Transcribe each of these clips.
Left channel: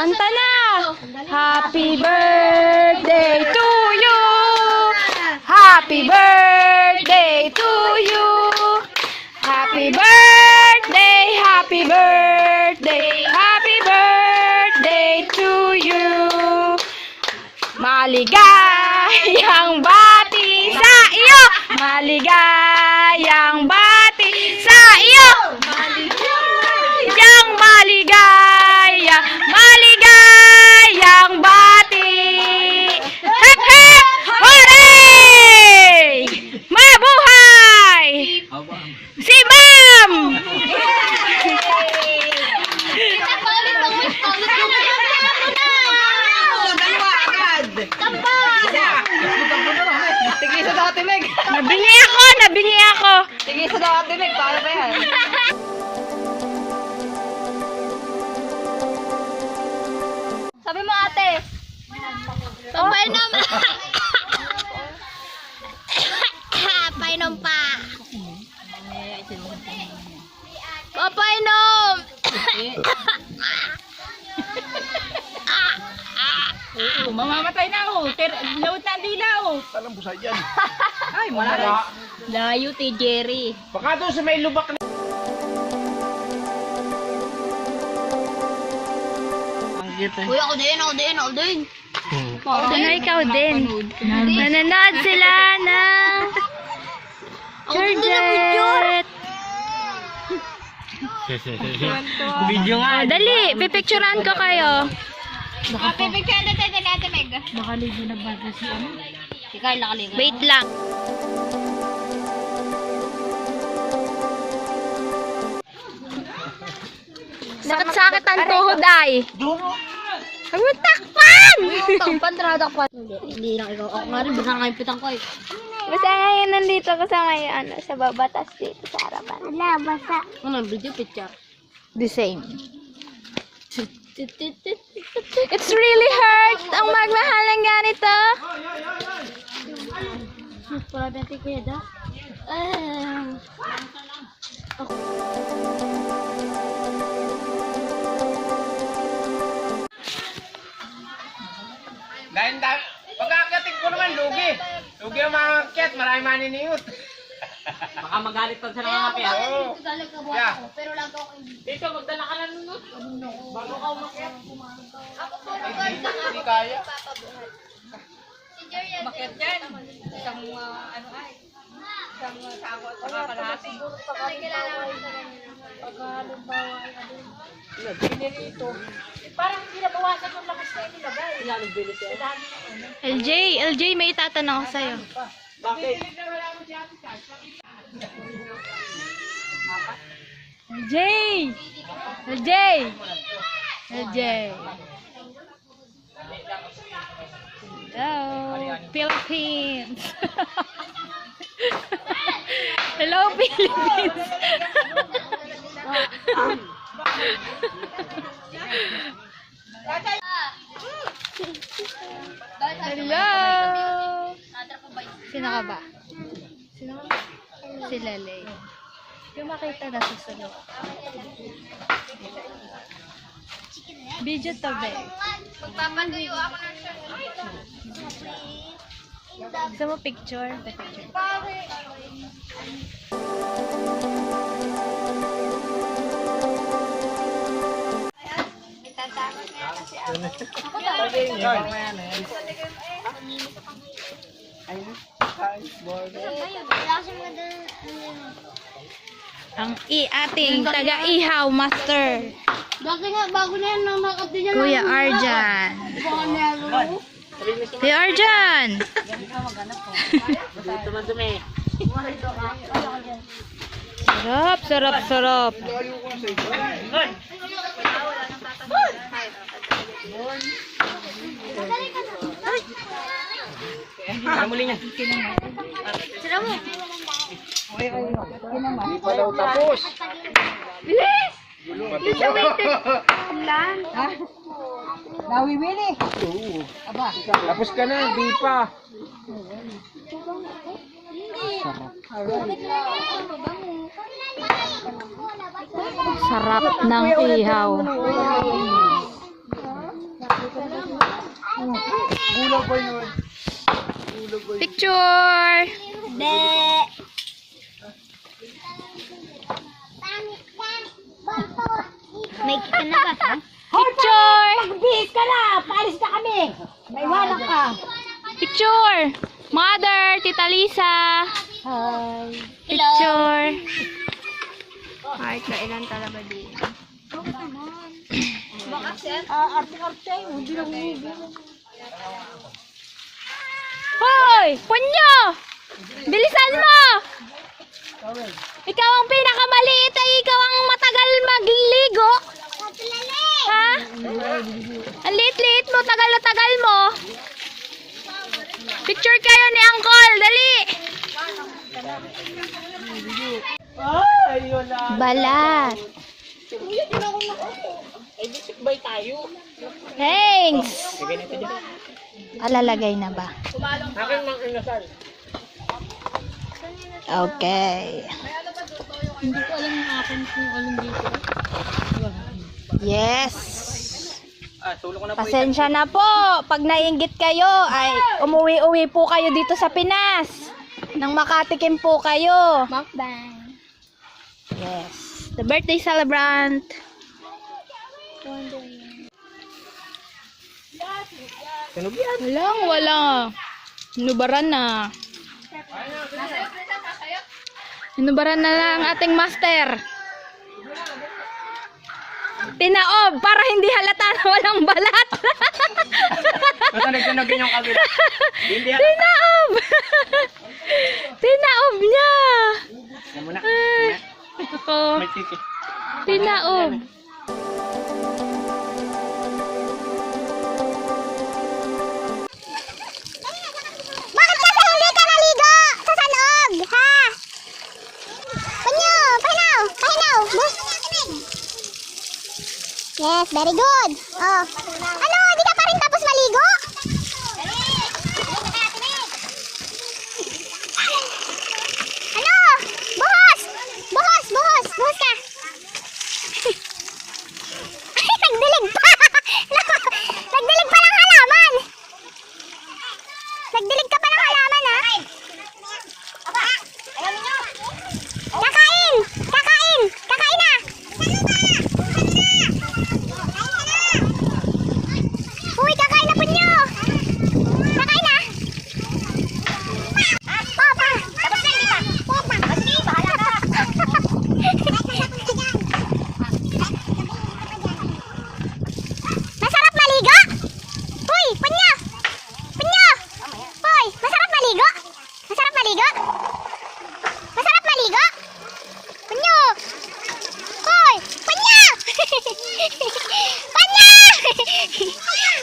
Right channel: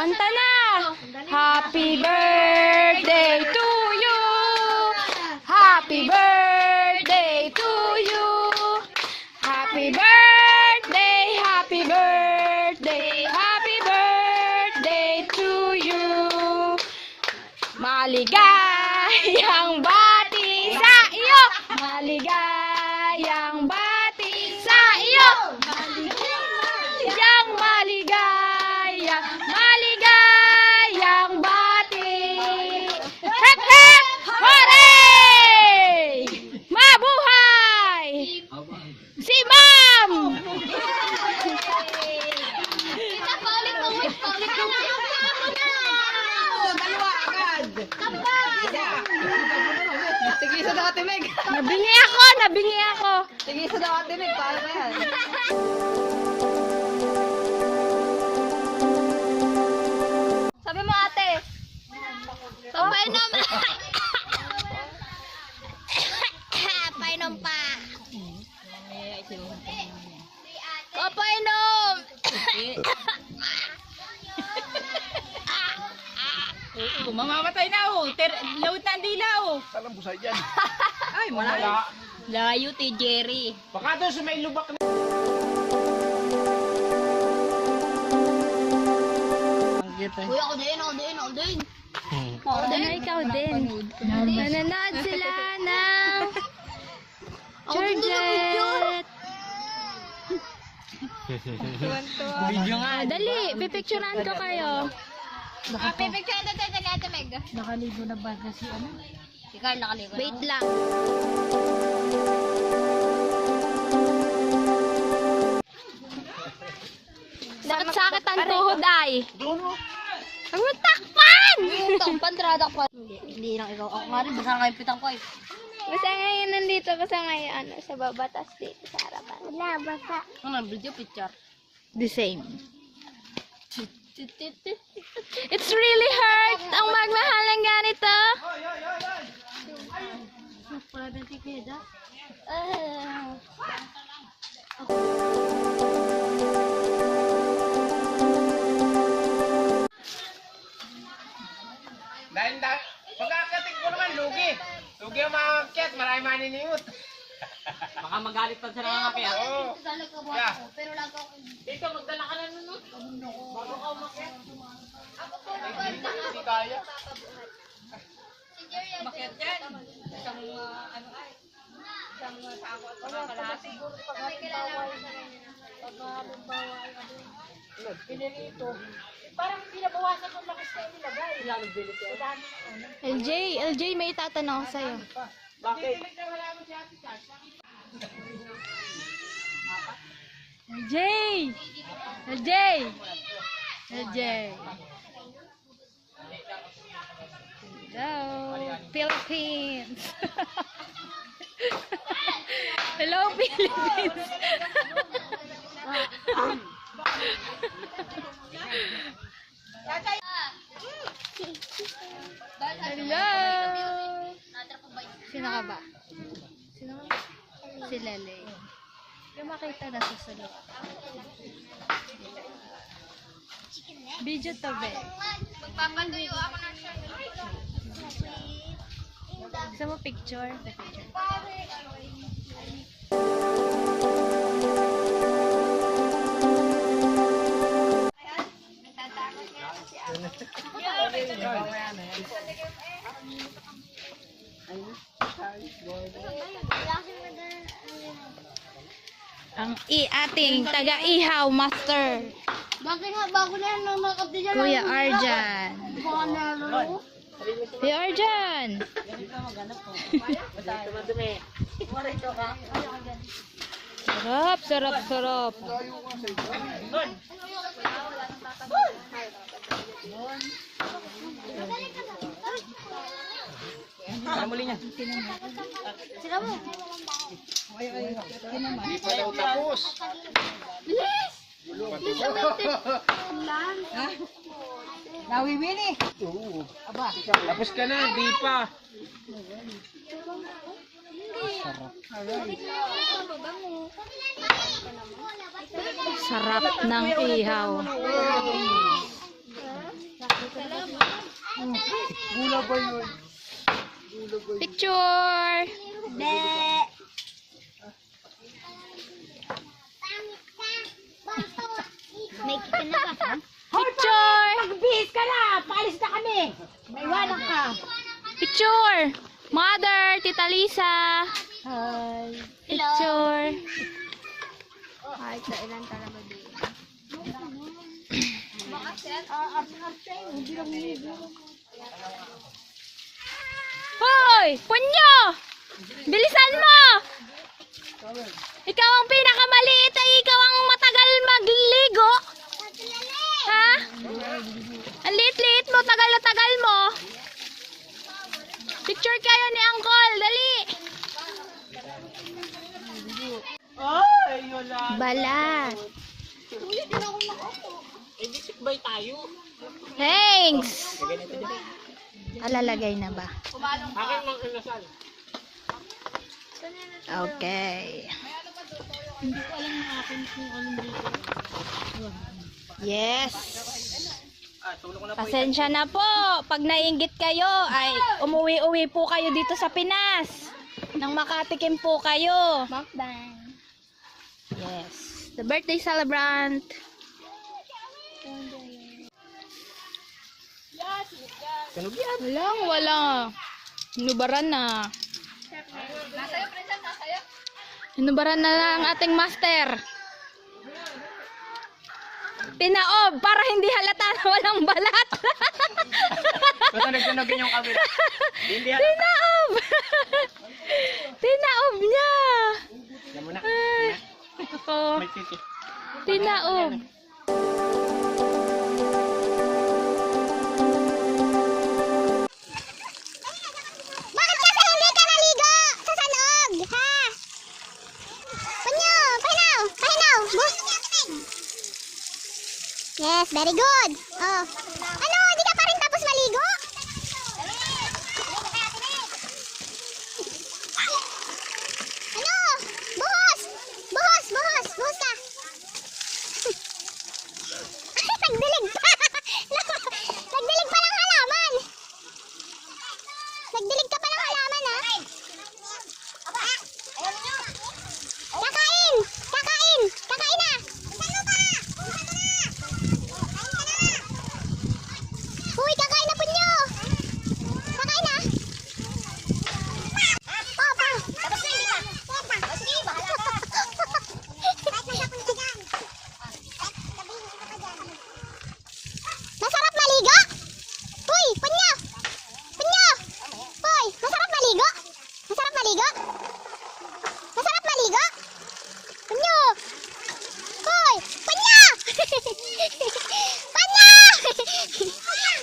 Kanta na! Happy birthday to you! Happy birthday to you! Happy birthday! Happy birthday! Happy birthday to you! Maligayang bati sa iyo! Maligayang bati sa iyo! Maligayang maligayang bati! Hep hep! Hooray! Mabuhay! Si Ma'am! Tigil sa dati, Meg. Nabingi ako! Tigil sa dati, Meg. Paano ba yan? Sabi mo ate. Painom. Painom pa. Painom. Mamamatay na ako. Lawit na ang dilaw. Talang busa dyan. Ay, malaki. Layo, Jerry. Baka doon sa may lubak na. Uy, ako din. Ano ikaw din? Nanonood sila ng Georgette. Video nga. Dali, pipicturean ko kayo. Pipicture na tayo natin, Meg. Nakaligo na ba na si ano? Ikaw, nakaligo. Wait lang. Sakit-sakit ang tuhod ay. Huwag mo takpan! Takpan, tradakpan. Hindi lang ikaw. Ako nga rin, basta nga yung pitang ko eh. Basta ngayon nandito kasi ngayon ano, sa babatas dito sa harapan. Wala, basa. Ano, video picture? The same. It's really hurt ang magmahal ng ganito. Para bente ko yun, ah. Dahil pagkakating ko naman, lugi. Lugi ang makakit, marami maniniyot. Baka magalit pag sa nangangapiat. Oo. Yeah. Pero lang ako. Dito, magdala ka na nun. Bago ka umakyat. Hindi kaya. Bakit yan? Isang ano ay? Isang sako at saka kalahati. Parang pinabawasan yung lakas na inilagay. Lalong bilis yan. LJ, may itatanong ako sa'yo. Bakit? LJ! Hello, Philippines! Hello, Philippines! Hello! Sino ka ba? Si Lele. Yung makita na sa sulok. Video to be. Magpapatuyo ako ng Gusto mo picture? The picture. Ang ating taga-ihaw master. Bago na yan, nang nakapit yan. Kuya Arjan. Kuya Arjan! Sarap. Muli niya. Hindi pa daw tapos. Bilis! Nawiwili. Oo. Tapos ka na, hindi pa. Sarap ng ihaw. Gula pa yun. Picture! May kita na ba? Ha? Picture! Magbihis ka na! Paalis na kami! Naiwanan ka! Picture! Mother, Tita Lisa! Hi! Picture! Ay, kailan talaga dito? Arte-arte! Hindi lang Hoy! Punyo! Bilisan mo! Ikaw ang pinakamaliit ay ikaw ang matagal magligo. Ha? Ang liit-liit mo, tagal na tagal mo. Picture kayo ni Uncle, dali. Ay, wala. Balat. Ay, bisikbay tayo. Thanks. Alalagay na ba? Akin ng inasal. Okay. Hindi ko alam yung akin kung anong dito. Yes. Tulong ko na po. Pasensya na po. Pag naiinggit kayo, ay umuwi-uwi po kayo dito sa Pinas. Nang makatikim po kayo. Mukbang. Yes. The birthday celebrant. Tunog yan. Wala. Inubaran na. Inubaran na lang ating master. Tinaob para hindi halata na walang balat. Basta nagtunogin yung kabila. Hindi halata. Tinaob. Tinaob niya. Yan muna. Ay. Ako. May titi. Tinaob. Bakit kasi hindi ka naligo sa sanog? Ha? Panyo! Pahinaw! Pahinaw! Yes, very good. Oh. Ano? Hindi ka pa rin tapos maligo? Ano? Buhos! Buhos! Buhos! Buhos ka! Nagdilig pa! Nagdilig pa ng halaman! Nagdilig ka pa ng halaman, ha? Kakain! Kakain! Kakain na! Uy, kakain na po nyo! Kakain na! Papa! Tapos na, hindi pa! Papa! Sige, bahala ka! Masarap maligo? Uy, punyo! Punyo! Uy, masarap maligo? Masarap maligo? Masarap maligo? Punyo! Uy, punyo! Punyo!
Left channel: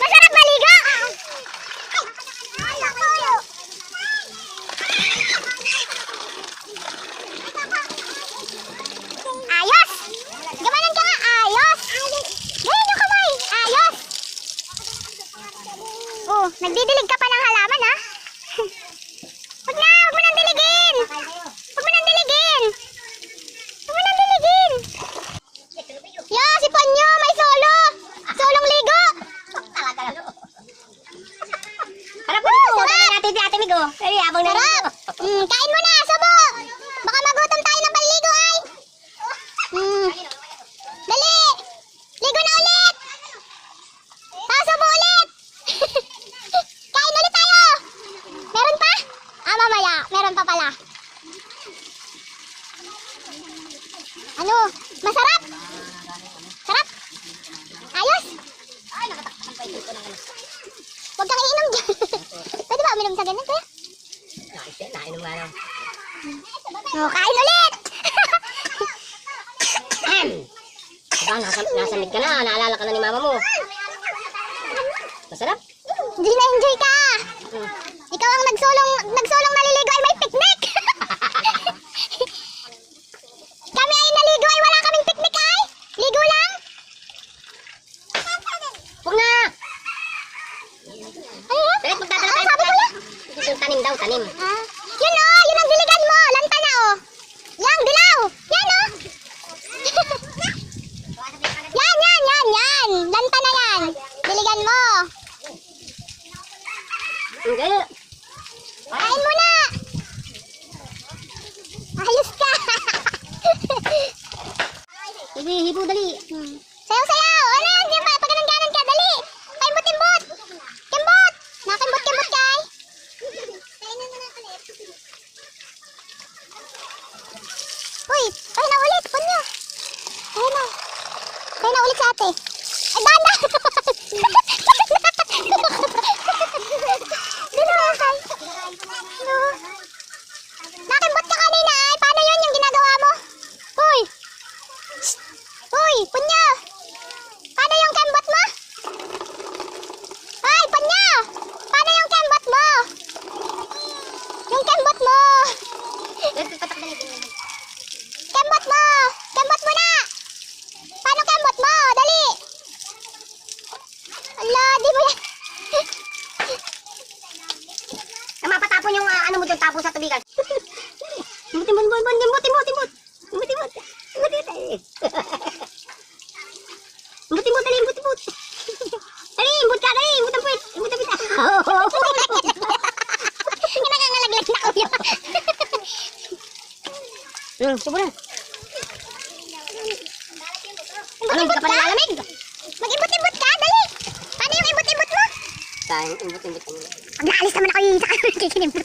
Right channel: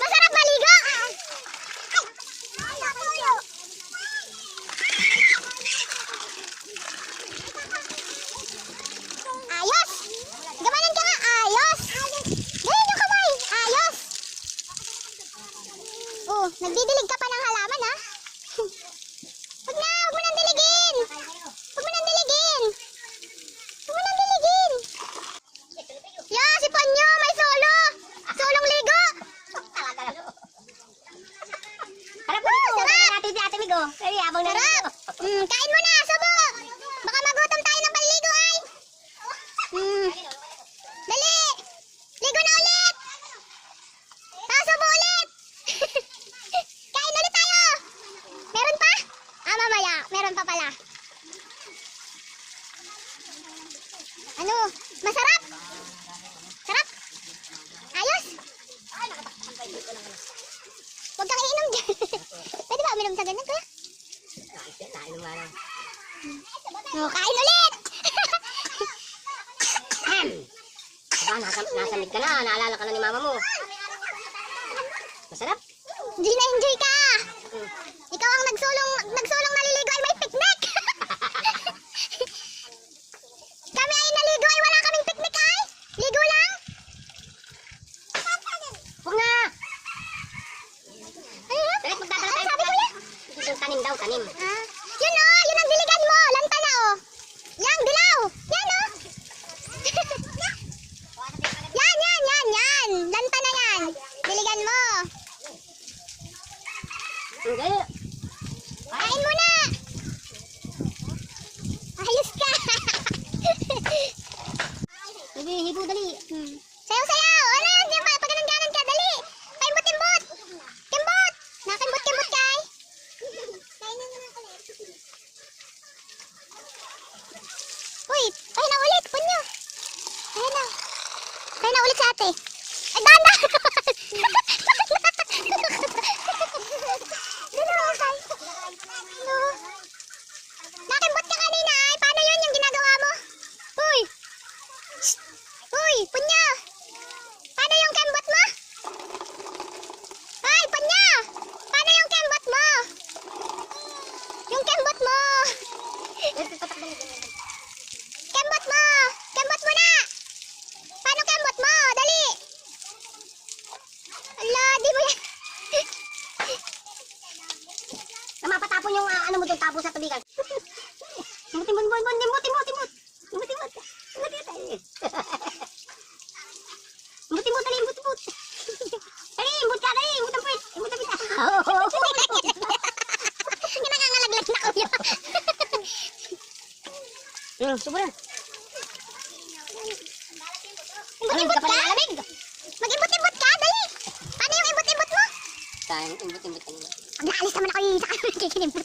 Masarap maligo? Ayos! Gamanan ka nga, ayos! Ganyan yung kamay, ayos! Oh, nagdidilig ka pa ng halaman, ha? Huwag na, huwag mo nang diligin! Huwag mo nang diligin! Huwag mo nang diligin! Ya, si Panyo, may solo! Solong ligo! Harap mo dito! Sarap! Natin si Ate Migo. Sarap! Kain mo na, subo! Baka magutom tayo ng panligo, ay! Dali! Ligo na ulit! Tapos subo ulit! Kain ulit tayo! Meron pa? Ah, mamaya. Meron pa pala. Ano? Masarap? Sarap? Ayos? Huwag kang iinom dyan. Pwede ba uminom sa ganun, kuya? Oh, kain ulit! Nasamit ka na, naalala ka na ni mama mo. Masarap? Hindi na-enjoy ka. Ikaw ang nagsulong naliligo ay may picnic. Kami ay naligo ay wala kaming picnic ay. Ligo lang. Huwag na! Ano yun? Dali, magdadala Ano tayo. sabi kuya? Yung tanim daw, tanim. Ah, yun oh, yun ang diligan mo. Lanta na oh. Yang dilaw. Yan oh. yan. Lanta na yan. Hindi. Kain muna! Ayos ka! Sige, hibo dali. Sayaw-sayaw! Wala, hindi pa. Pag ganun ka, dali! Kimbot-kimbot! Kimbot! Nakimbot-kimbot kay! Uy! Ay na ulit! Punyo! Ay na! Ay na ulit sa ate! Ay, dana! Dana kay! No! Nakimbot ka kanina ay! Paano yun yung ginagawa mo? Uy! Uy! Punyo! Paano yung kembot mo? Ay! Punyo! Paano yung kembot mo? Yung kembot mo! Kembot mo! Kembot mo na! Paano kembot mo? Dali! Ala, di mo yan. Mapatapon yung ano mo dyan, tapon sa tubigan. Timbot. Dali, imbut ka, dali, imbut. Yung nangangalaglag na ulo. Sobra. Ano, hindi ka pa nalalamig? Mag-ibot-ibot ka, dali! Paano yung ibot-ibot mo? Sayang, imbut. Pag naalis naman ako yung sa kanila, kikinibot.